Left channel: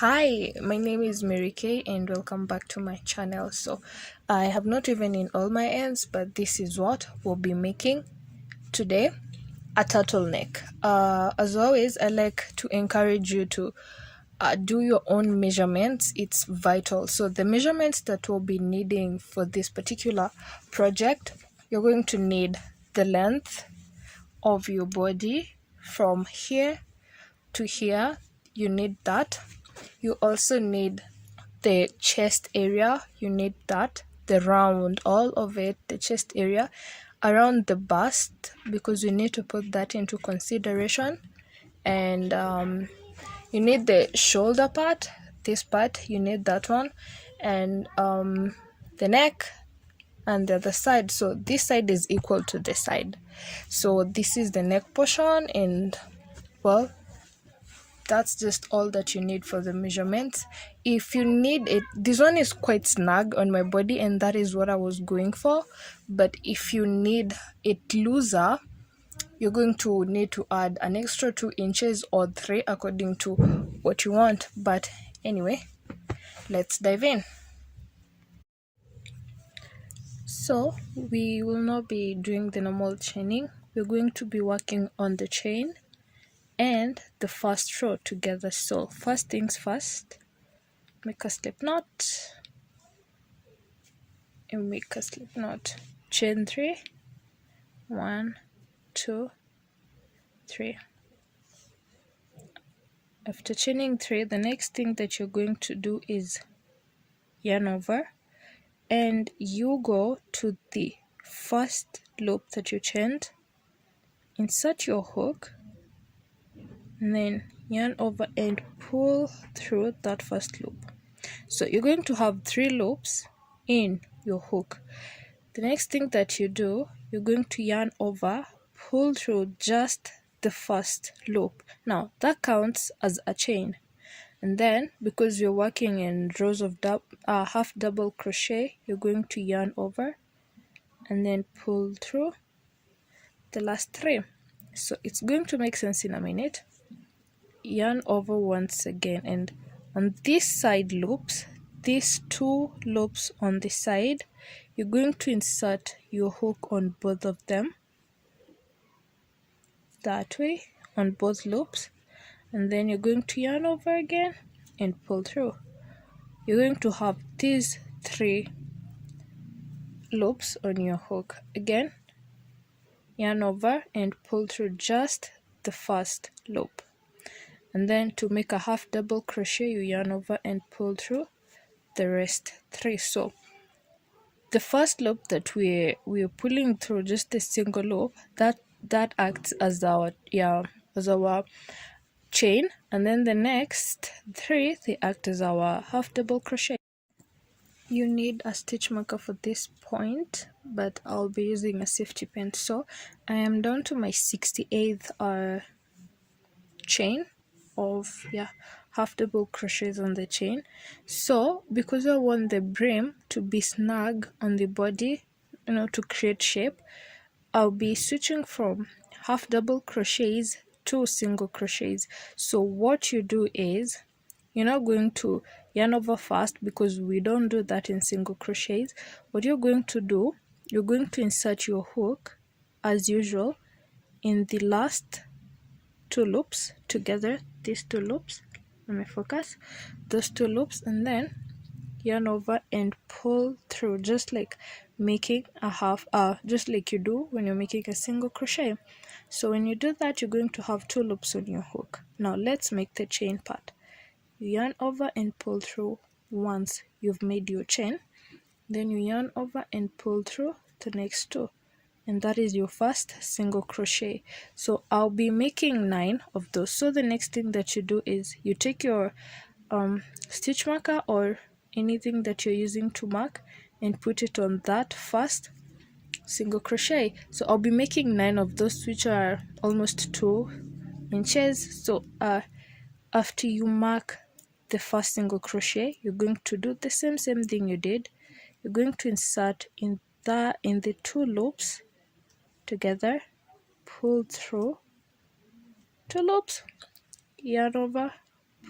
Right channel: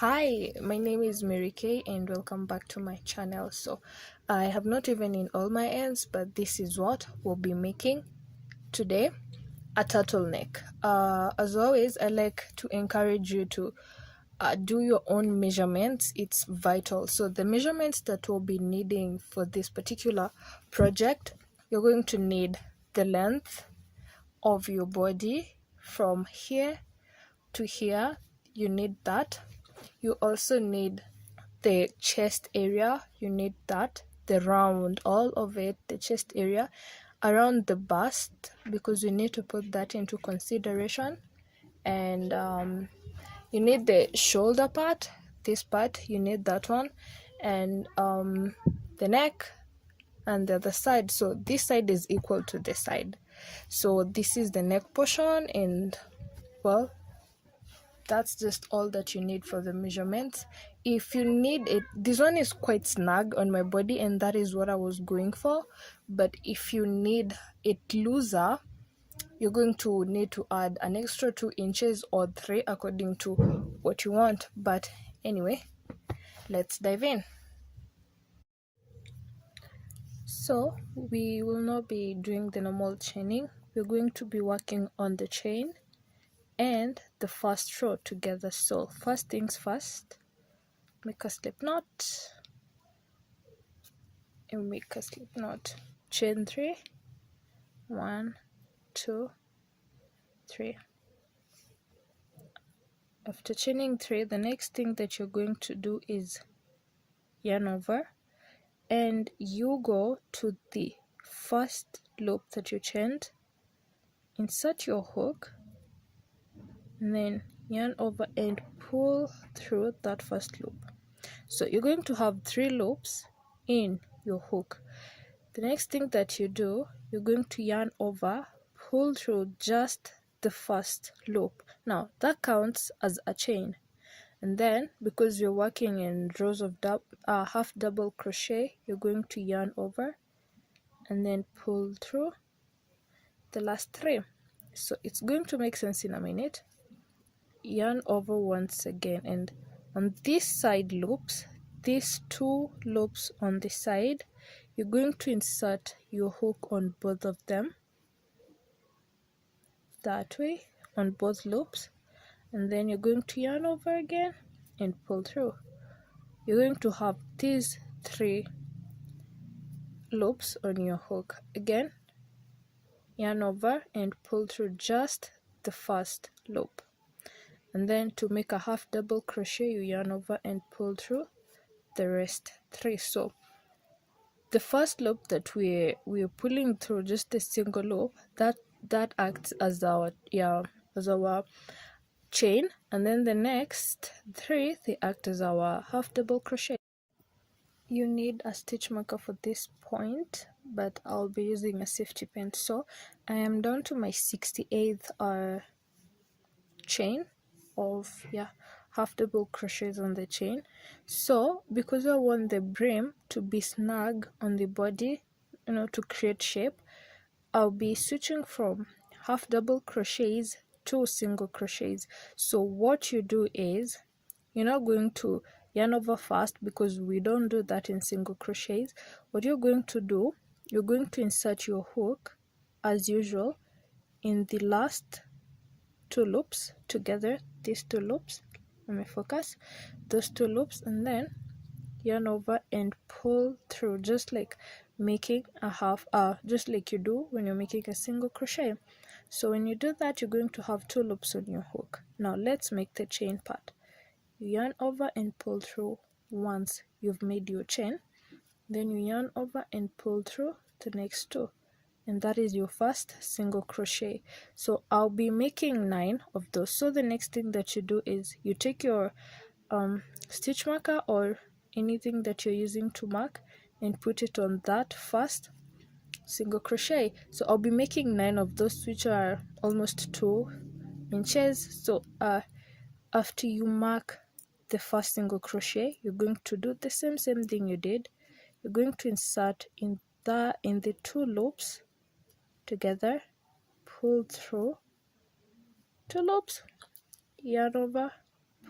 Hi, my name is Mary Kay and welcome back to my channel. So I have not even in all my ends, but this is what we'll be making today, a turtleneck. As always, I like to encourage you to do your own measurements. It's vital. So the measurements that we'll be needing for this particular project, you're going to need the length of your body from here to here. You need that. You also need the chest area, you need that, the round, all of it, the chest area, around the bust, because you need to put that into consideration. And you need the shoulder part, this part, you need that one, and the neck and the other side. So this side is equal to this side. So this is the neck portion, and well, that's just all that you need for the measurements. If you need it, this one is quite snug on my body and that is what I was going for, but if you need it looser, you're going to need to add an extra 2 inches or 3 according to what you want. But anyway, let's dive in. So we will not be doing the normal chaining. We're going to be working on the chain and the first row together. So first things first, make a slip knot and make a slip knot, chain 3, 1 2 3. After chaining 3, the next thing that you're going to do is yarn over, and you go to the first loop that you chained, insert your hook, and then yarn over and pull through that first loop. So you're going to have 3 loops in your hook. The next thing that you do, you're going to yarn over, pull through just the first loop. Now that counts as a chain, and then because you're working in rows of half double crochet, you're going to yarn over and then pull through the last 3. So it's going to make sense in a minute. Yarn over once again, and on this side loops, these 2 loops on the side, you're going to insert your hook on both of them, that way, on both loops, and then you're going to yarn over again and pull through. You're going to have these 3 loops on your hook. Again, yarn over and pull through just the first loop, and then to make a half double crochet, you yarn over and pull through the rest 3. So the first loop that we're pulling through, just a single loop, that acts as our chain, and then the next 3, they act as our half double crochet. You need a stitch marker for this point, but I'll be using a safety pin. So I am down to my 68th chain of half double crochets on the chain. So because I want the brim to be snug on the body, to create shape, I'll be switching from half double crochets to single crochets. So what you do is, you're not going to yarn over first because we don't do that in single crochets. What you're going to do, you're going to insert your hook as usual in the last 2 loops together, these 2 loops, let me focus, those 2 loops, and then yarn over and pull through, just like making a half, just like you do when you're making a single crochet. So when you do that, you're going to have 2 loops on your hook. Now let's make the chain part. You yarn over and pull through once you've made your chain, then you yarn over and pull through the next 2, and that is your first single crochet. So I'll be making 9 of those. So the next thing that you do is you take your stitch marker or anything that you're using to mark and put it on that first single crochet. So I'll be making 9 of those, which are almost 2 inches. So after you mark the first single crochet, you're going to do the same thing you did. You're going to insert in the 2 loops together, pull through 2 loops, yarn over,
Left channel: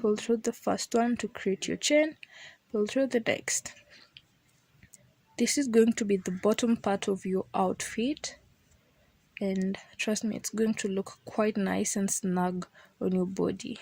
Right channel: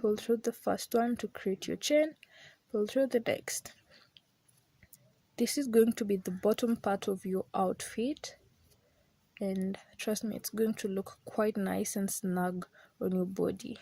pull through the first one to create your chain, pull through the next. This is going to be the bottom part of your outfit, and trust me, it's going to look quite nice and snug on your body.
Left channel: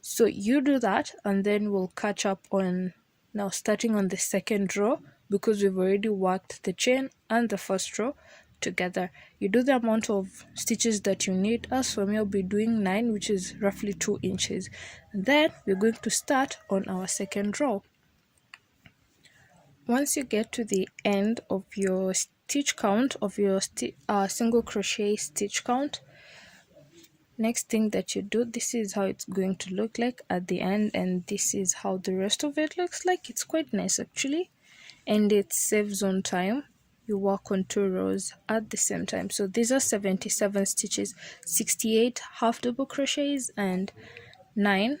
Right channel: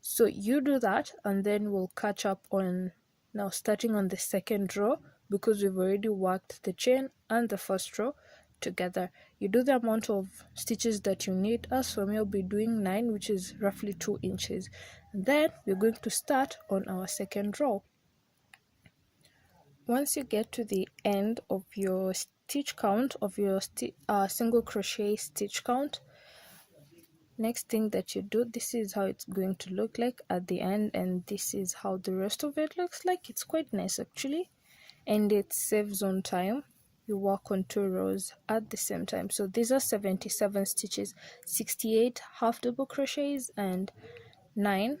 So you do that, and then we'll catch up on now starting on the second row, because we've already worked the chain and the first row together. You do the amount of stitches that you need. As for me, I'll be doing 9, which is roughly 2 inches. And then we're going to start on our second row. Once you get to the end of your stitch count, of your single crochet stitch count, next thing that you do, this is how it's going to look like at the end, and this is how the rest of it looks like. It's quite nice actually, and it saves on time. You work on 2 rows at the same time. So these are 77 stitches, 68 half double crochets and 9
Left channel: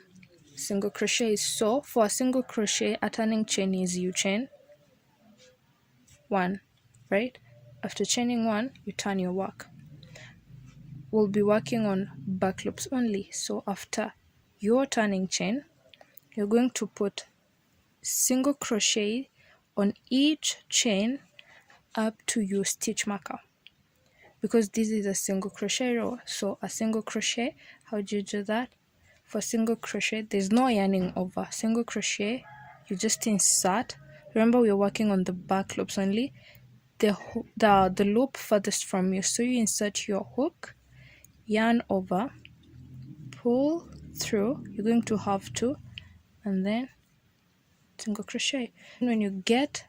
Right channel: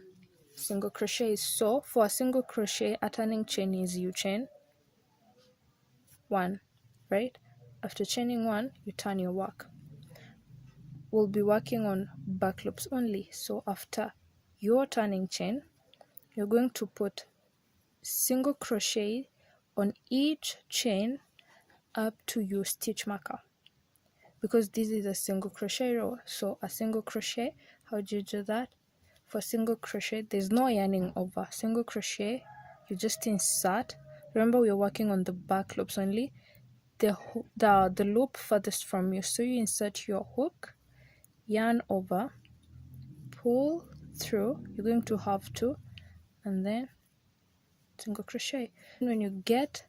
single crochets. So for a single crochet, a turning chain is you chain 1, right? After chaining 1, you turn your work. We'll be working on back loops only. So after your turning chain, you're going to put single crochet on each chain up to your stitch marker, because this is a single crochet row. So a single crochet, how do you do that? For single crochet, there's no yarning over. Single crochet, you just insert. Remember, we're working on the back loops only, the loop furthest from you. So you insert your hook, yarn over, pull through. You're going to have to, and then single crochet. When you get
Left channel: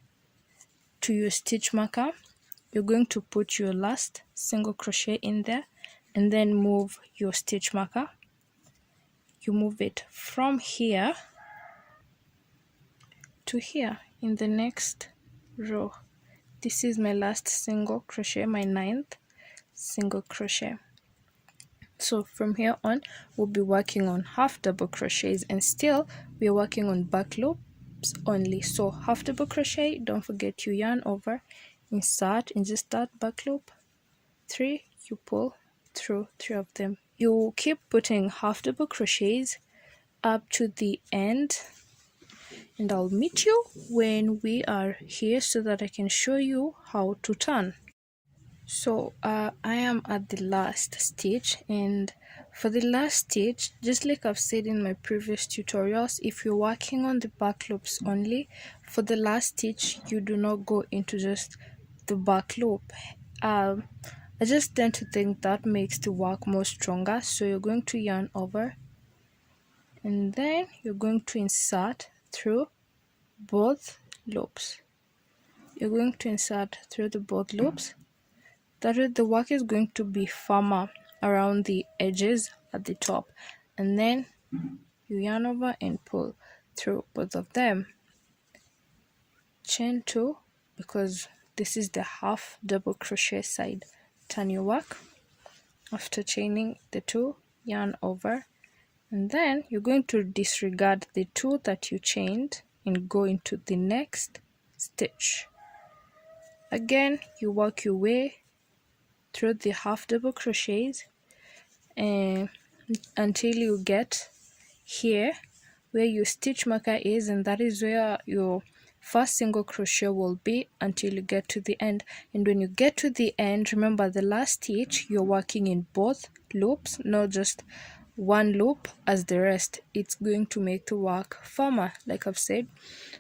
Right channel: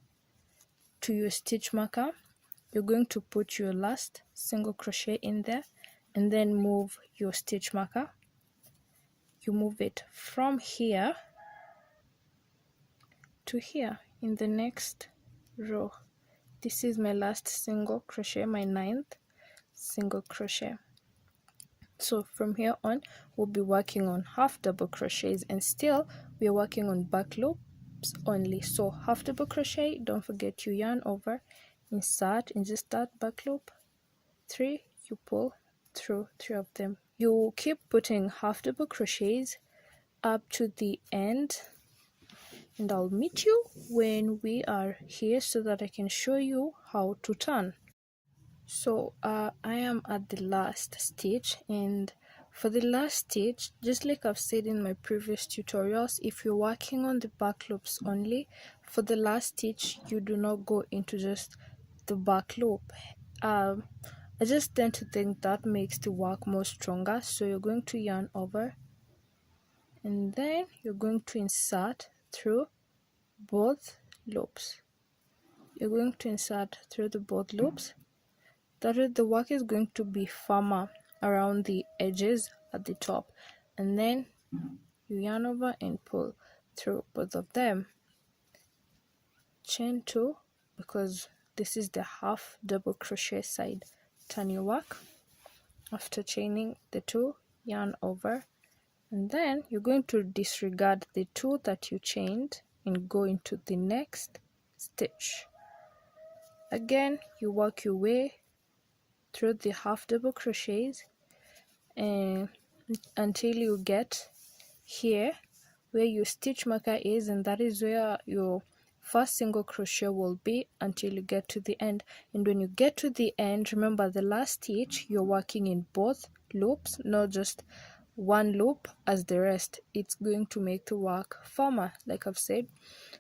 to your stitch marker, you're going to put your last single crochet in there, and then move your stitch marker. You move it from here to here in the next row. This is my last single crochet, my 9th single crochet. So from here on, we'll be working on half double crochets, and still we're working on back loops only. So half double crochet, don't forget you yarn over, insert, and just start back loop 3, you pull through 3 of them. You keep putting half double crochets up to the end, and I'll meet you when we are here so that I can show you how to turn. So I am at the last stitch, and for the last stitch, just like I've said in my previous tutorials, if you're working on the back loops only, for the last stitch you do not go into just the back loop. I just tend to think that makes the work more stronger. So you're going to yarn over, and then you're going to insert through both loops. You're going to insert through the both loops. That way the work is going to be firmer around the edges at the top, and then you yarn over and pull through both of them. Chain 2, because this is the half double crochet side. Turn your work. After chaining the 2, yarn over, and then you're going to disregard the 2 that you chained and go into the next stitch. Again, you work your way through the half double crochets and until you get here where your stitch marker is, and that is where your first single crochet will be until you get to the end. And when you get to the end, remember the last stitch you're working in both loops, not just one loop as the rest. It's going to make the work firmer, like I've said.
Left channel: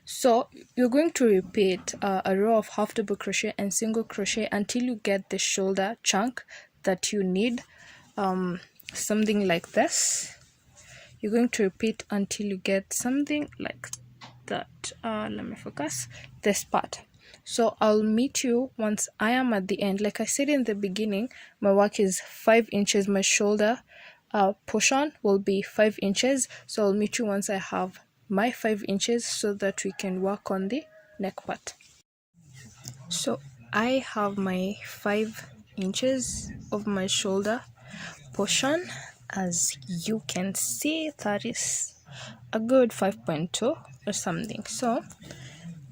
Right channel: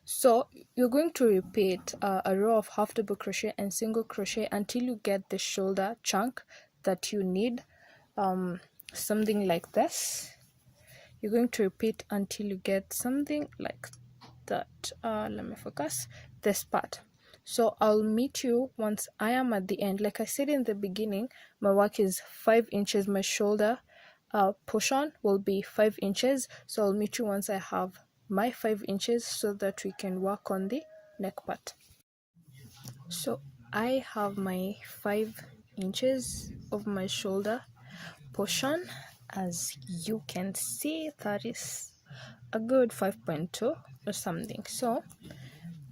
So you're going to repeat a row of half double crochet and single crochet until you get the shoulder chunk that you need, something like this. You're going to repeat until you get something like that. Let me focus this part. So I'll meet you once I am at the end. Like I said in the beginning, my work is 5 inches. My shoulder portion will be 5 inches. So I'll meet you once I have my 5 inches so that we can work on the neck part. So I have my 5 inches of my shoulder portion. As you can see, that is a good 5.2 or something. So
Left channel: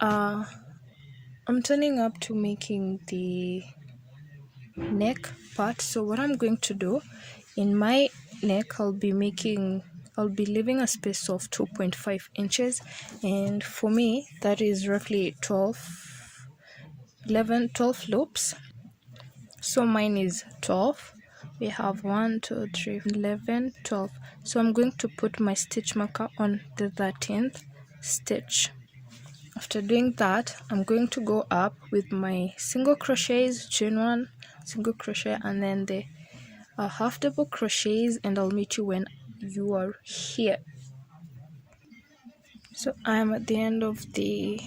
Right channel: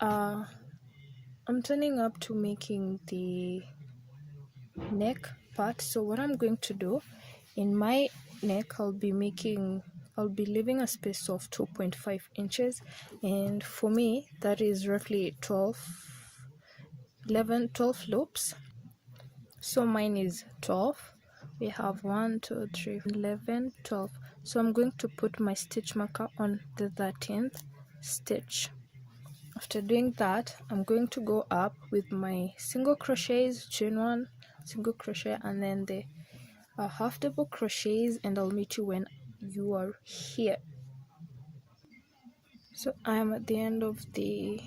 I'm turning up to making the neck part. So what I'm going to do in my neck, I'll be making I'll be leaving a space of 2.5 inches, and for me that is roughly 12 loops. So mine is 12. We have 1 2 3 11 12. So I'm going to put my stitch marker on the 13th stitch. After doing that, I'm going to go up with my single crochets, chain 1, single crochet, and then the half double crochets, and I'll meet you when you are here. So I am at the end of this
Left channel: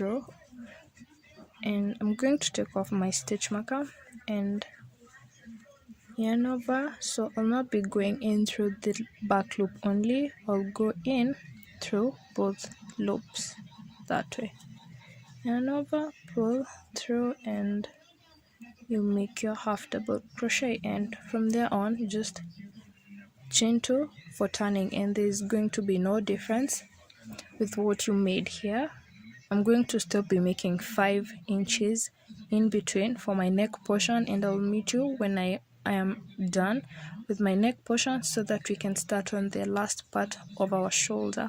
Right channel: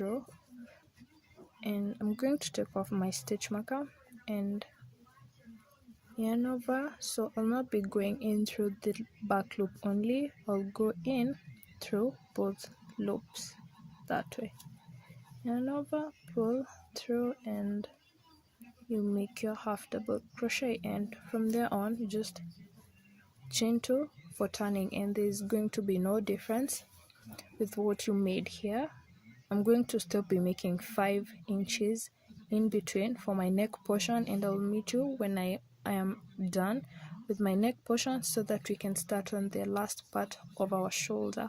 row, and I'm going to take off my stitch marker and yarn over. So I'll not be going in through the back loop only, I'll go in through both loops that way. Yarn over, pull through, and you make your half double crochet, and from there on you just chain 2 for turning, and there's going to be no difference with what you made here. I'm going to still be making 5 inches in between for my neck portion, and I'll meet you when I am done with my neck portion so that we can start on the last part of our shoulder.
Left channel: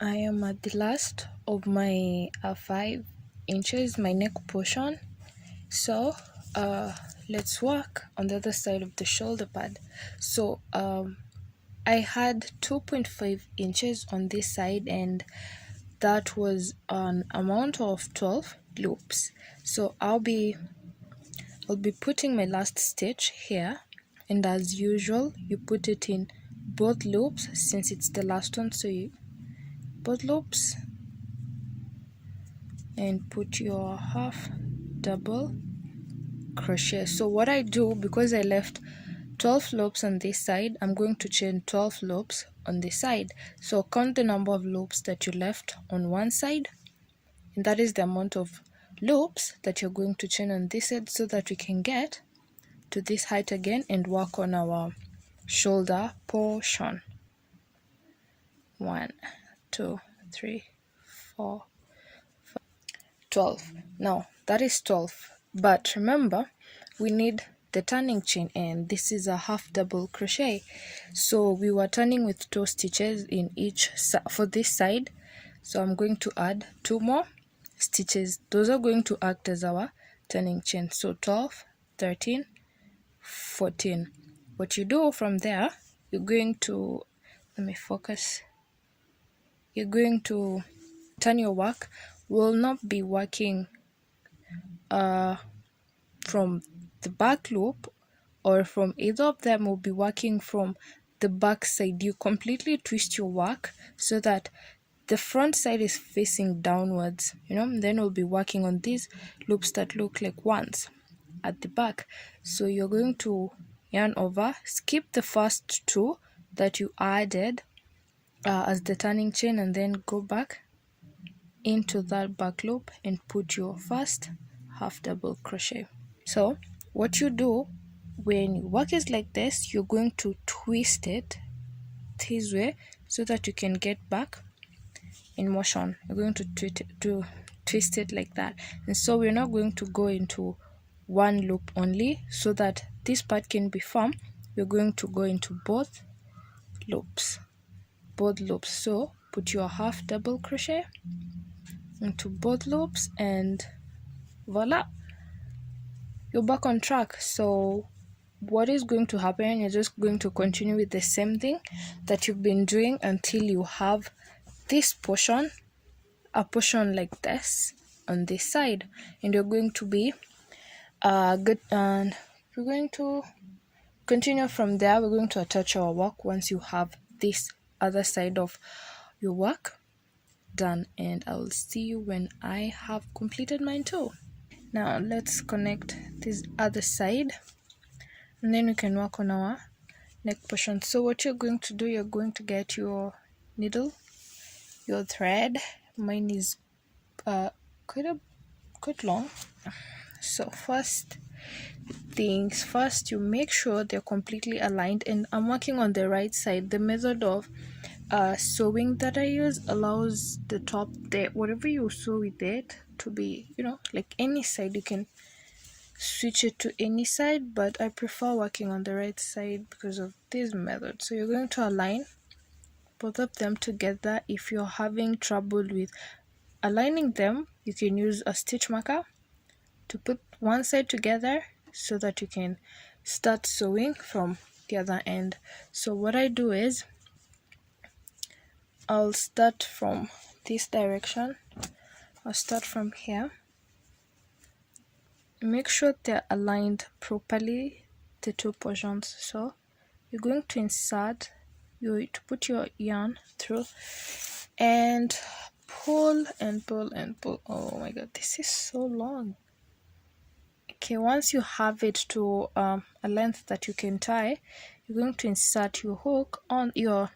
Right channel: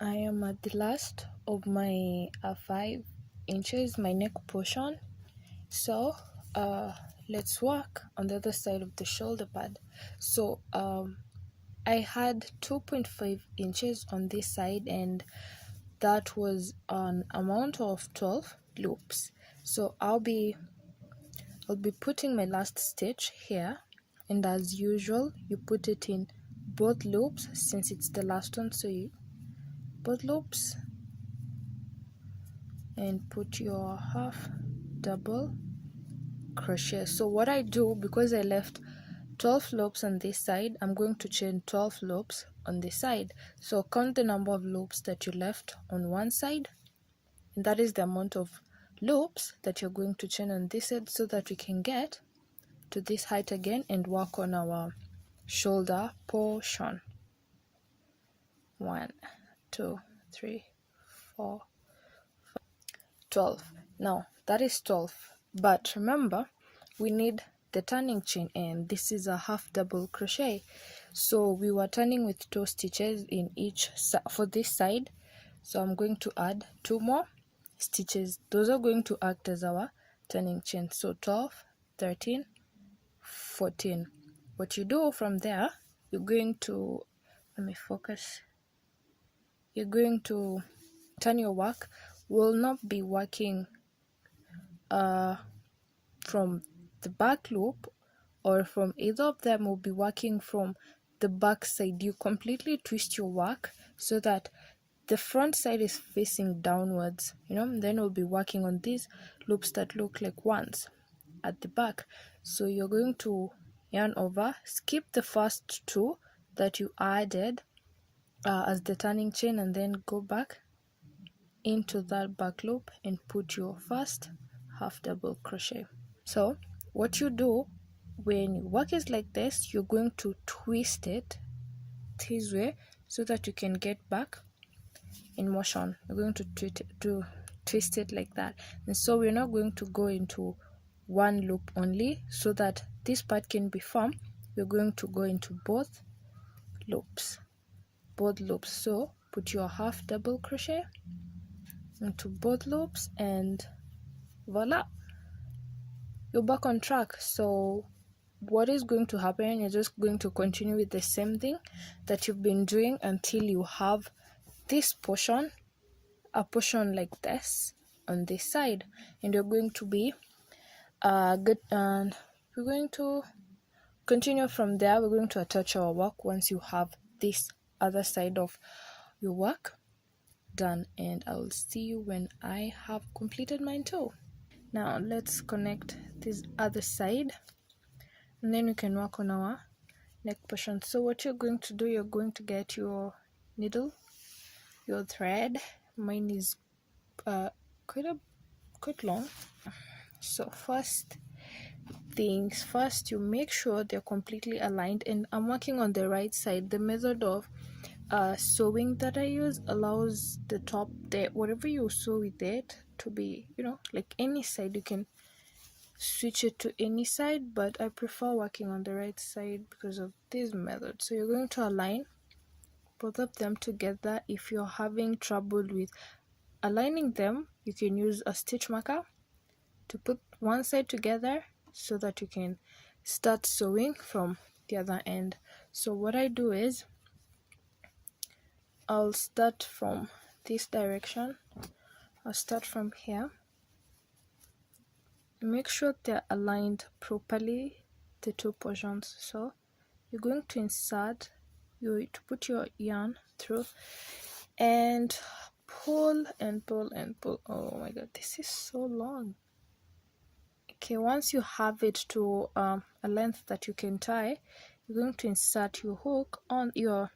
I am at the last of my 5 inches, my neck portion. So let's work on the other side of the shoulder pad. So I had 2.5 inches on this side, and that was an amount of 12 loops. So I'll be putting my last stitch here, and as usual you put it in both loops since it's the last one. So you both loops and put your half double crochet. So what I do, because I left 12 loops on this side, I'm going to chain 12 loops on this side. So count the number of loops that you left on one side, and that is the amount of loops that you're going to chain on this side, so that we can get to this height again and work on our shoulder portion. 1 2 3 4 5 12. Now that is 12, but remember we need the turning chain, and this is a half double crochet, so we were turning with 2 stitches in each for this side. So I'm going to add 2 more stitches. Those are going to act as our turning chain. So 12 13 14. What you do from there, you're going to, let me focus, you're going to turn your work. Will not be working from the back loop or from either of them. Will be working from the back side. You completely twist your work so that the front side is facing downwards, then we'll be working on these loops that look like ones at the back. So you're going to yarn over, skip the first 2 that you added as the turning chain, and then go back into that back loop and put your first half double crochet. So what you do when your work is like this, you're going to twist it this way so that you can get back in motion. You're going to twist it like that, and so we're not going to go into one loop only. So that this part can be firm, we're going to go into both loops. So put your half double crochet into both loops, and voila, you're back on track. So what is going to happen, you're just going to continue with the same thing that you've been doing until you have this portion, a portion like this on this side, and you're going to be good, and we're going to continue from there. We're going to attach our work once you have this other side of your work done, and I will see you when I have completed mine too. Now let's connect this other side, and then we can work on our neck portion. So what you're going to do, you're going to get your needle, your thread. Mine is quite long. So first things first, you make sure they're completely aligned, and I'm working on the right side. The method of sewing that I use allows the top there, whatever you sew with it, to be, like any side. You can switch it to any side, but I prefer working on the right side because of this method. So you're going to align both of them together. If you're having trouble with aligning them, you can use a stitch marker to put one side together so that you can start sewing from the other end. So what I do is I'll start from this direction. I'll start from here. Make sure they're aligned properly, the two portions. So you're going to insert, to put your yarn through and pull and pull and pull. Oh my god, this is so long. Okay, once you have it to a length that you can tie, you're going to insert your hook on your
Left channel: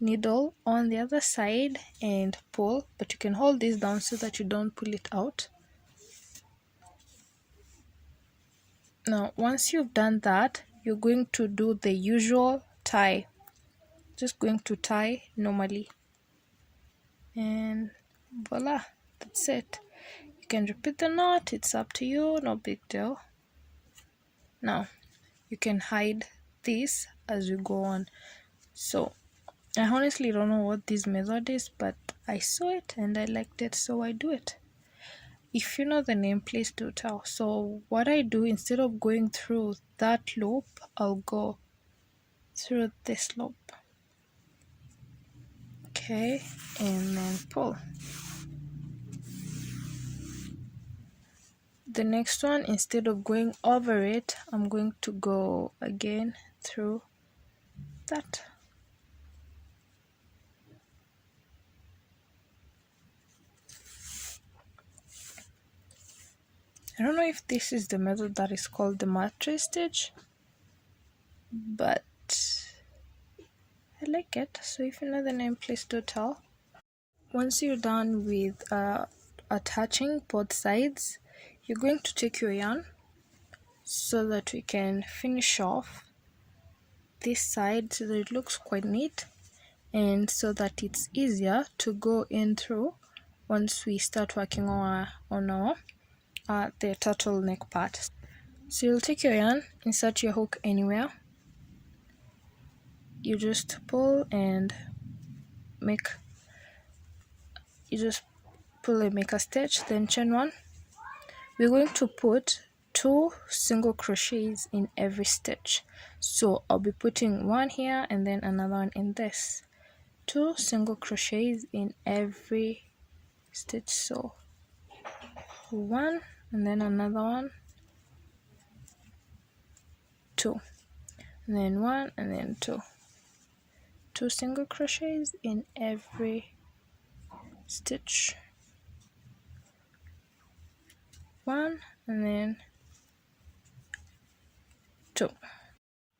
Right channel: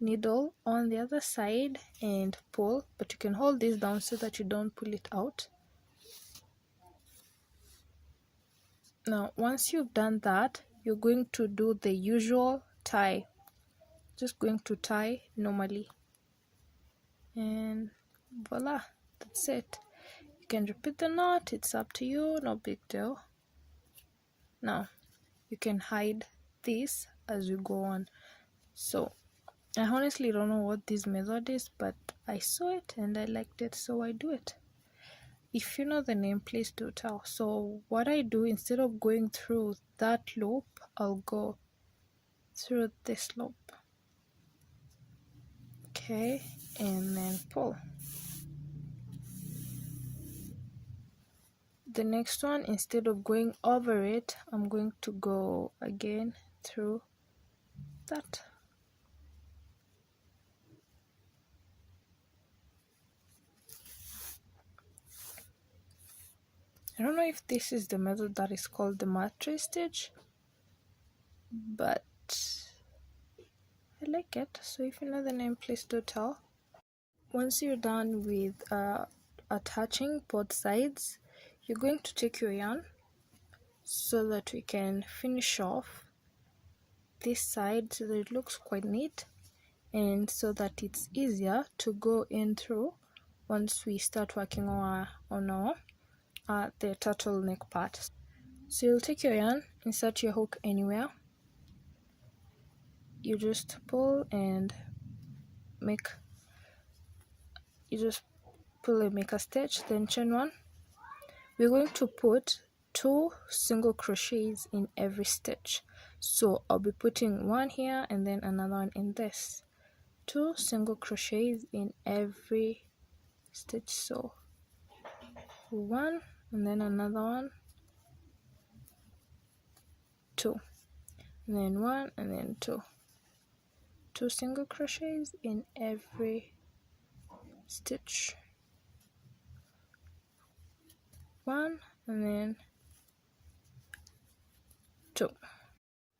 needle on the other side and pull, but you can hold this down so that you don't pull it out. Now once you've done that, you're going to do the usual tie, just going to tie normally, and voila, that's it. You can repeat the knot, it's up to you, no big deal. Now you can hide this as you go on. So I honestly don't know what this method is, but I saw it and I liked it, so I do it. If you know the name, please do tell. So what I do, instead of going through that loop, I'll go through this loop. Okay, and then pull. The next one, instead of going over it, I'm going to go again through that. I don't know if this is the method that is called the mattress stitch, but I like it. So if you know the name, please do tell. Once you're done with attaching both sides, you're going to take your yarn so that we can finish off this side so that it looks quite neat, and so that it's easier to go in through once we start working on our the turtleneck part. So you'll take your yarn, insert your hook anywhere, you just pull and make a stitch, then chain one. We're going to put 2 single crochets in every stitch, so I'll be putting one here and then another one in this. 2 single crochets in every stitch, so one and then another one, 2, and then one and then 2. 2 single crochets in every stitch, 1 and then 2.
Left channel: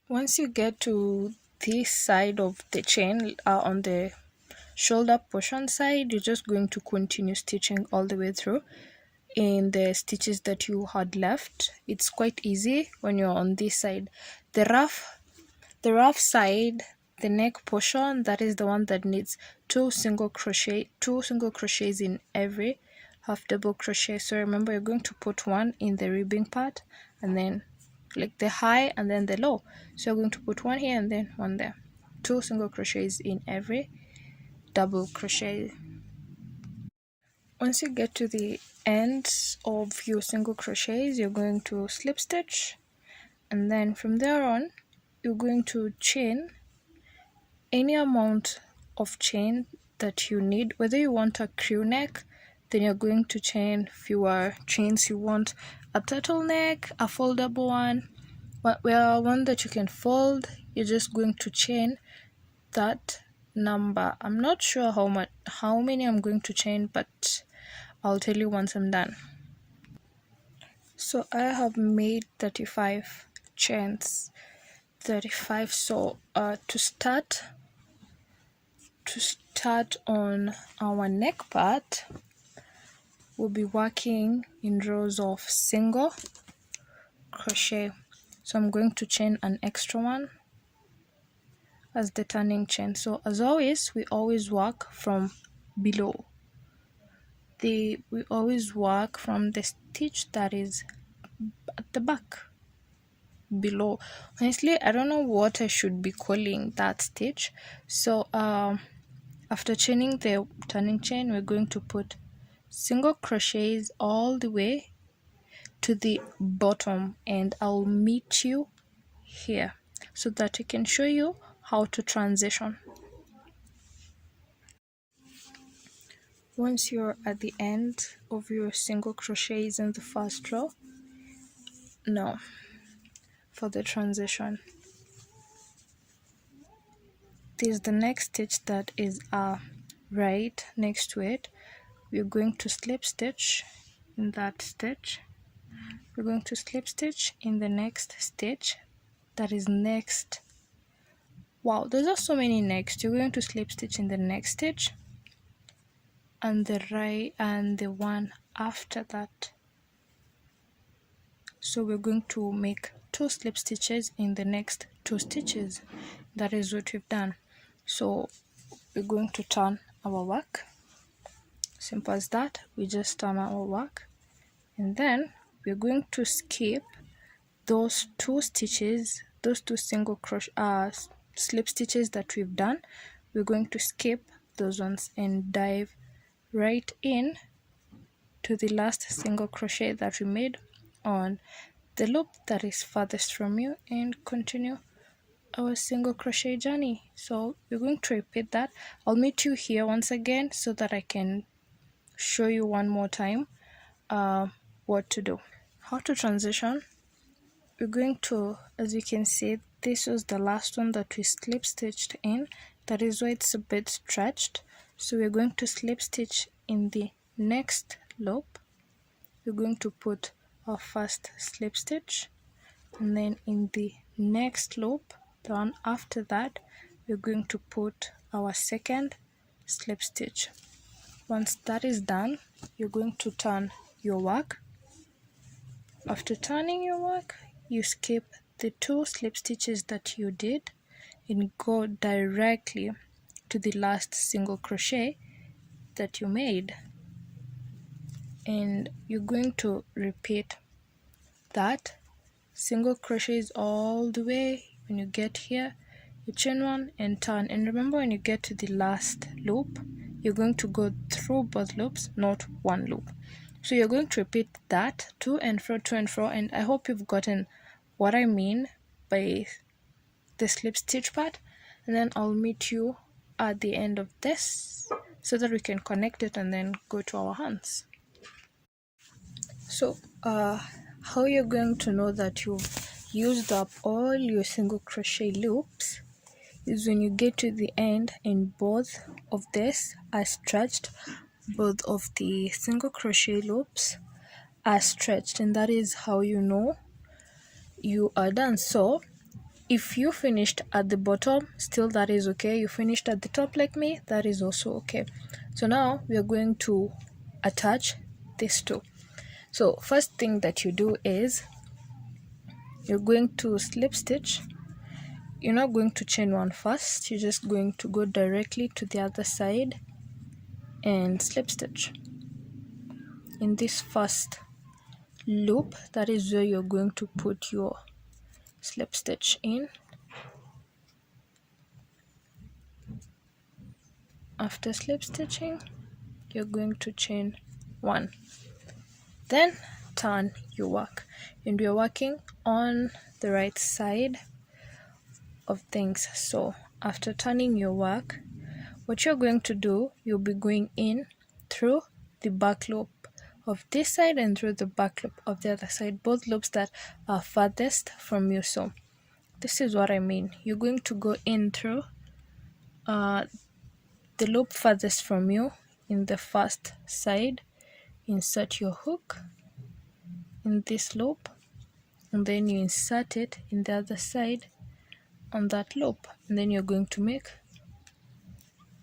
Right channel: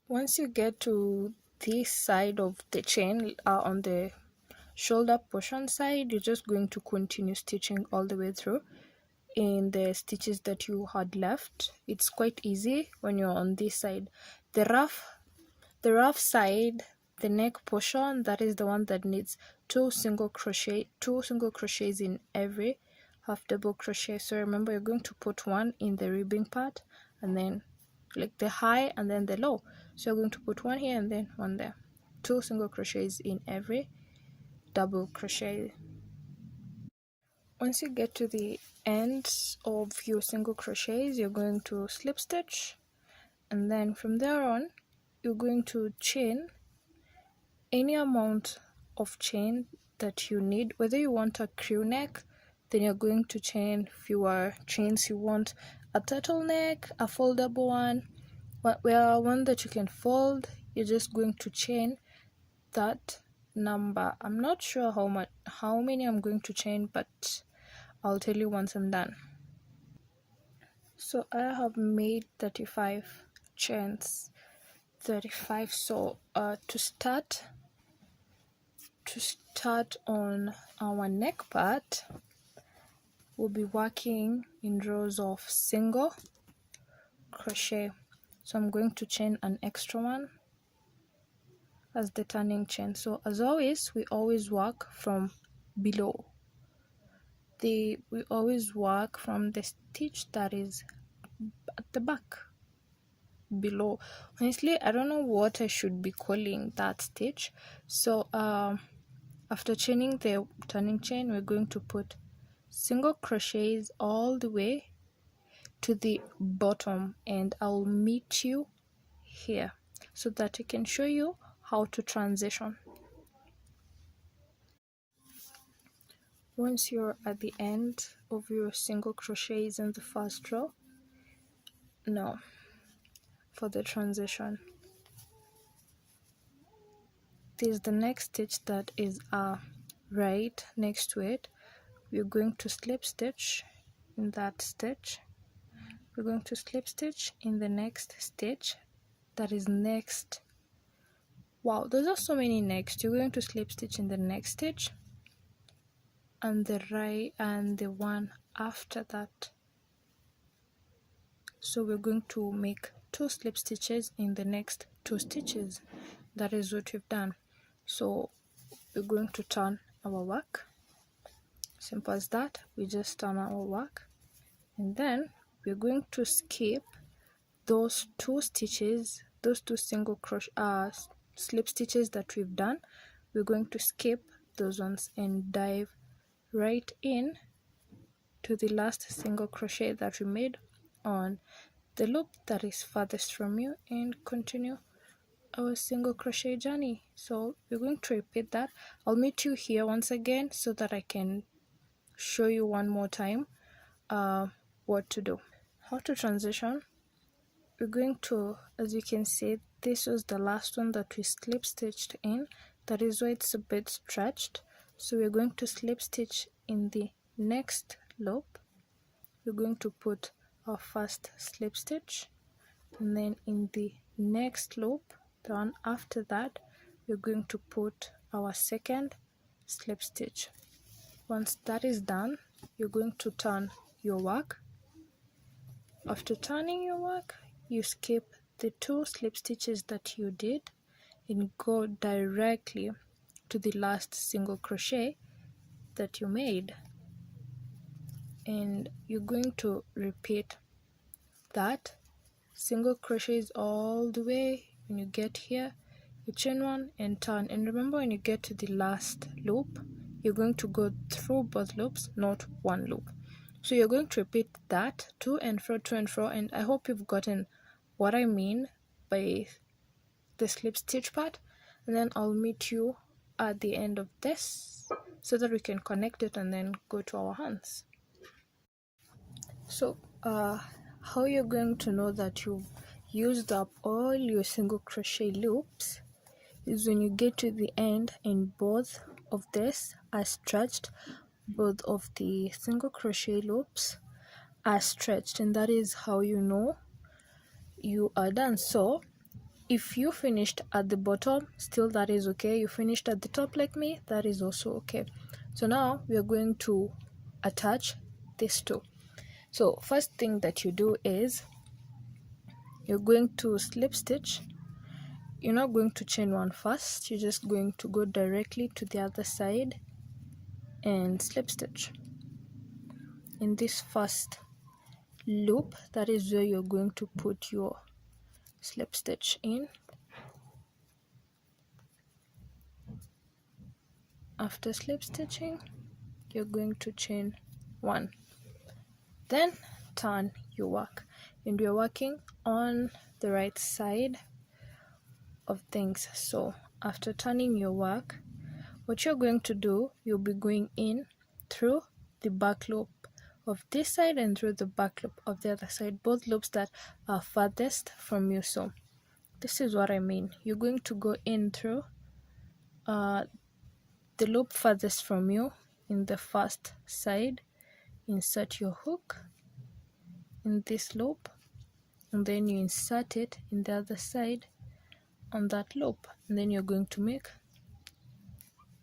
Once you get to this side of the chain, on the shoulder portion side, you're just going to continue stitching all the way through in the stitches that you had left. It's quite easy when you're on this side. The rough side, the neck portion, that is the one that needs 2 single crochets in every half double crochet. So remember, you're going to put one in the ribbing part, and then like the high and then the low. So you're going to put one here and then one there. 2 single crochets in every double crochet. Once you get to the ends of your single crochets, you're going to slip stitch, and then from there on you're going to chain any amount of chain that you need. Whether you want a crew neck, then you're going to chain fewer chains. You want a turtleneck, a foldable one, one that you can fold, you're just going to chain that number. I'm not sure how many I'm going to chain, but I'll tell you once I'm done. So I have made 35 chains. 35. So to start on our neck part, we'll be working in rows of single crochet. So I'm going to chain an extra one as the turning chain. So as always, we always work from below. We always work from the stitch that is at the back, below. Honestly, I don't know what I should be calling that stitch. So after chaining the turning chain, we're going to put single crochets all the way to the bottom, and I'll meet you here so that I can show you how to transition. Once you're at the end of your single crochets in the first row, now for the transition, this is the next stitch that is right next to it. We're going to slip stitch in that stitch. We're going to slip stitch in the next stitch that is next. Wow, there's are so many next. You're going to slip stitch in the next stitch and the right and the one after that. So we're going to make 2 slip stitches in the next 2 stitches. That is what we've done. So we're going to turn our work. Simple as that. We just turn our work, and then we're going to skip those 2 stitches, those 2 single crochet slip stitches that we've done. We're going to skip those ones and dive right in to the last single crochet that we made on the loop that is farthest from you, and continue our single crochet journey. So we're going to repeat that. I'll meet you here once again so that I can show you one more time what to do, how to transition. We're going to, as you can see, this was the last one that we slip stitched in. That is why it's a bit stretched. So we're going to slip stitch in the next loop. We're going to put our first slip stitch, and then in the next loop, the one after that, we're going to put our second slip stitch. Once that is done, you're going to turn your work. After turning your work, you skip the 2 slip stitches that you did and go directly to the last single crochet that you made, and you're going to repeat that single crochets all the way. When you get here, you chain 1 and turn, and remember, when you get to the last loop, you're going to go through both loops, not one loop. So you're going to repeat that to and fro, and I hope you've gotten what I mean by the slip stitch part, and then I'll meet you at the end of this so that we can connect it and then go to our hands. So how you're going to know that you've used up all your single crochet loops is when you get to the end and both of this are stretched, both of the single crochet loops are stretched, and that is how you know you are done. So if you finished at the bottom, still that is okay. You finished at the top like me, that is also okay. So now we are going to attach these 2. So first thing that you do is you're going to slip stitch. You're not going to chain 1 first, you're just going to go directly to the other side and slip stitch in this first loop. That is where you're going to put your slip stitch in. After slip stitching, you're going to chain 1, then turn your work, and we're working on the right side of things. So after turning your work, what you're going to do, you'll be going in through the back loop of this side and through the back loop of the other side, both loops that are farthest from you. So this is what I mean. You're going to go in through the loop farthest from you in the first side, insert your hook in this loop, and then you insert it in the other side on that loop, and then you're going to make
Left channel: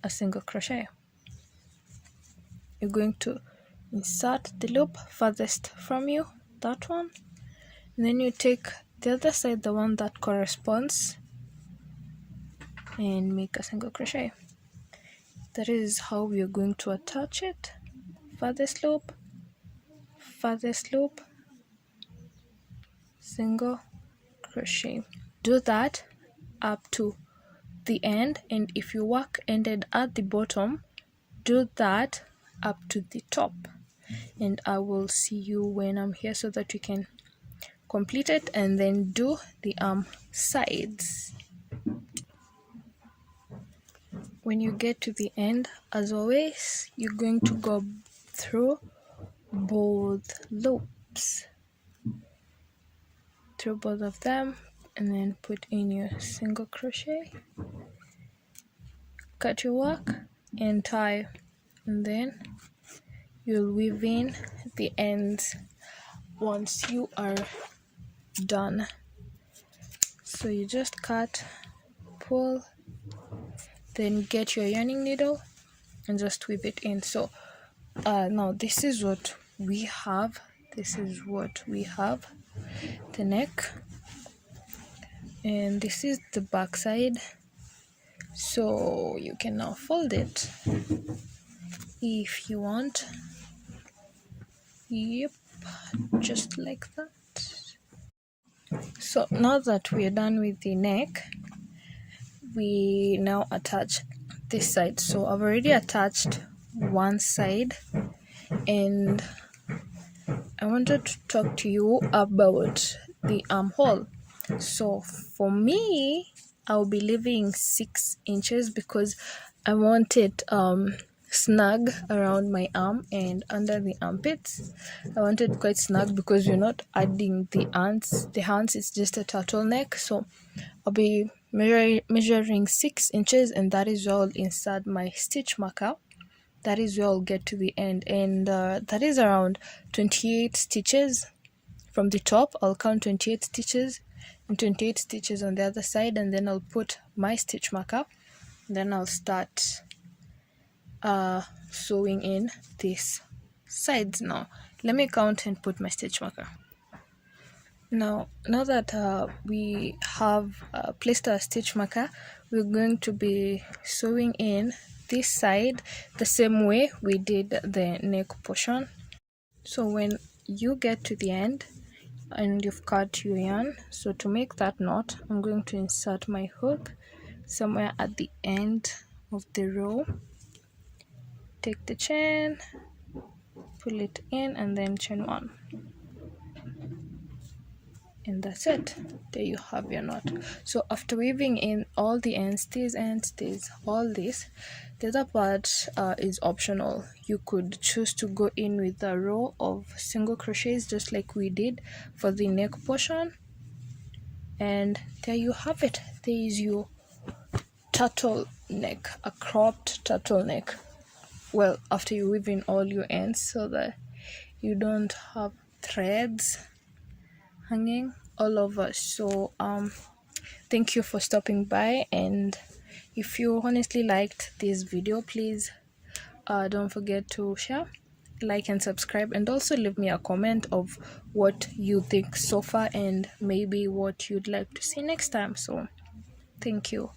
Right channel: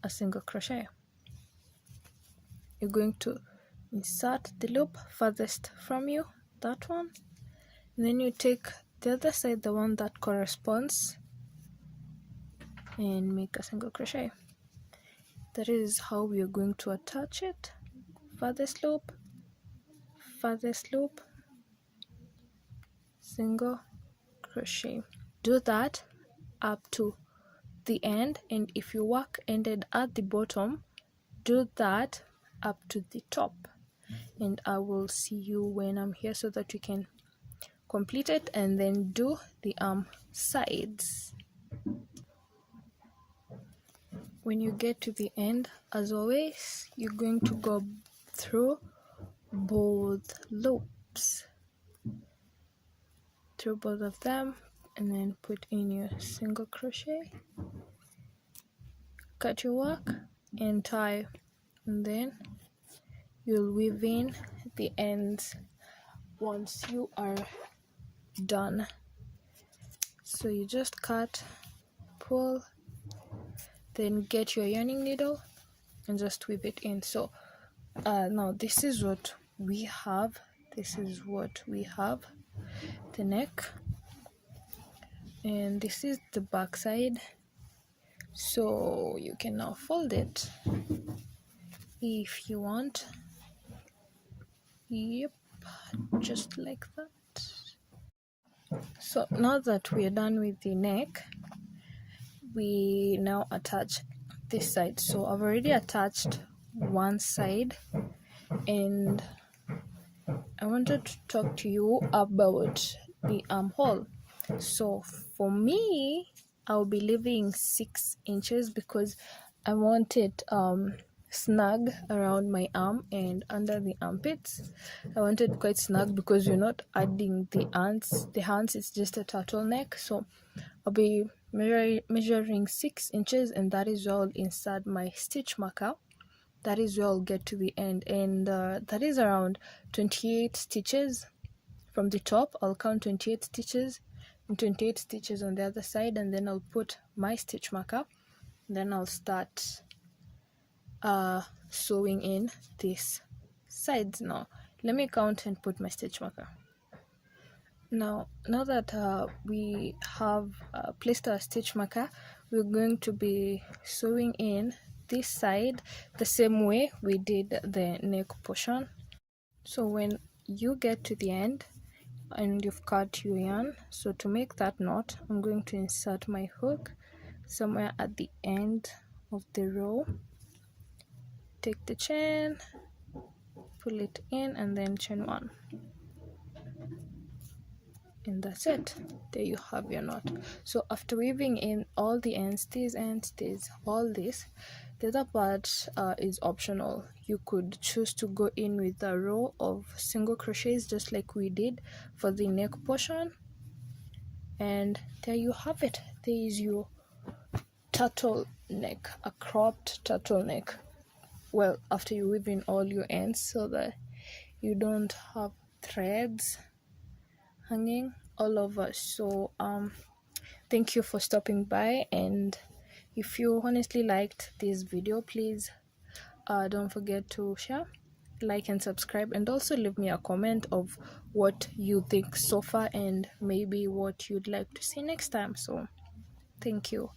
a single crochet. You're going to insert the loop farthest from you, that one, and then you take the other side, the one that corresponds, and make a single crochet. That is how we are going to attach it. Farthest loop, single crochet. Do that up to the end, and if your work ended at the bottom, do that up to the top, and I will see you when I'm here so that you can complete it, and then do the sides. When you get to the end, as always, you're going to go through both loops, through both of them, and then put in your single crochet, cut your work and tie, and then you'll weave in the ends once you are done. So you just cut, pull, then get your yarning needle and just weave it in. So now this is what we have. The neck, and this is the back side. So you can now fold it if you want. Yep, just like that. So now that we are done with the neck, we now attach this side. So I've already attached one side, and I wanted to talk to you about the armhole. So for me, I'll be leaving 6 inches because I want it snug around my arm and under the armpits. I want it quite snug because you're not adding the hands. The hands is just a turtleneck. So I'll be measuring 6 inches, and that is where I'll insert my stitch marker. That is where I'll get to the end, and that is around 28 stitches from the top. I'll count 28 stitches and 28 stitches on the other side, and then I'll put my stitch marker. Then I'll start sewing in these sides. Now let me count and put my stitch marker. Now that we have placed our stitch marker, we're going to be sewing in this side the same way we did the neck portion. So when you get to the end and you've cut your yarn, so to make that knot, I'm going to insert my hook somewhere at the end of the row. Take the chain, pull it in, and then chain 1. And that's it. There you have your knot. So after weaving in all the ends, all this, the other part is optional. You could choose to go in with a row of single crochets just like we did for the neck portion, and there you have it. There is your turtleneck, a cropped turtleneck. Well, after you weave in all your ends so that you don't have threads hanging all over. So thank you for stopping by, and if you honestly liked this video, please don't forget to share, like, and subscribe, and also leave me a comment of what you think so far and maybe what you'd like to see next time. So thank you.